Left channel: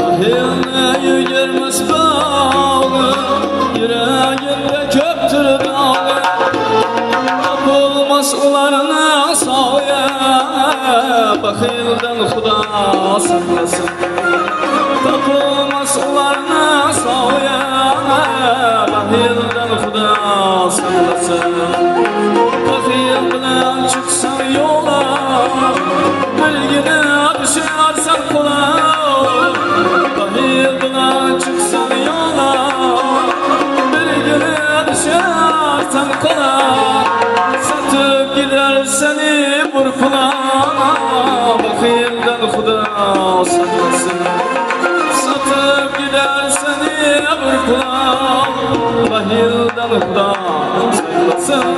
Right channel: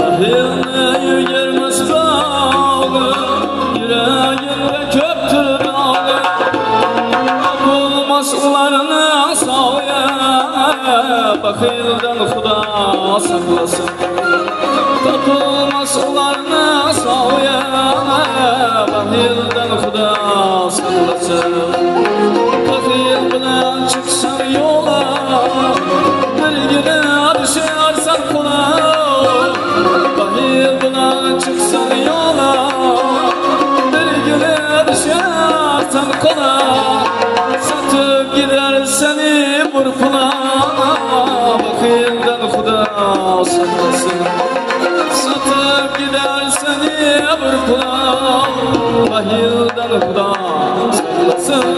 Bahilni yügermez bağlı, yüreğimde köptür dağlı. Tapılmaz ularına sağya, bahilden Xuda saklasın. Tapılmaz ularına sağya, bahilden Xuda saklasın. Bahil bilen çıksan yola, bilgini düşersen kola. Bahil bilen çıksan yola, bilgini düşersen kola. Satıp gider seni burkuna, bahilden Xuda saklasın. Satıp gider seni burkuna, bahilden Xuda saklasın.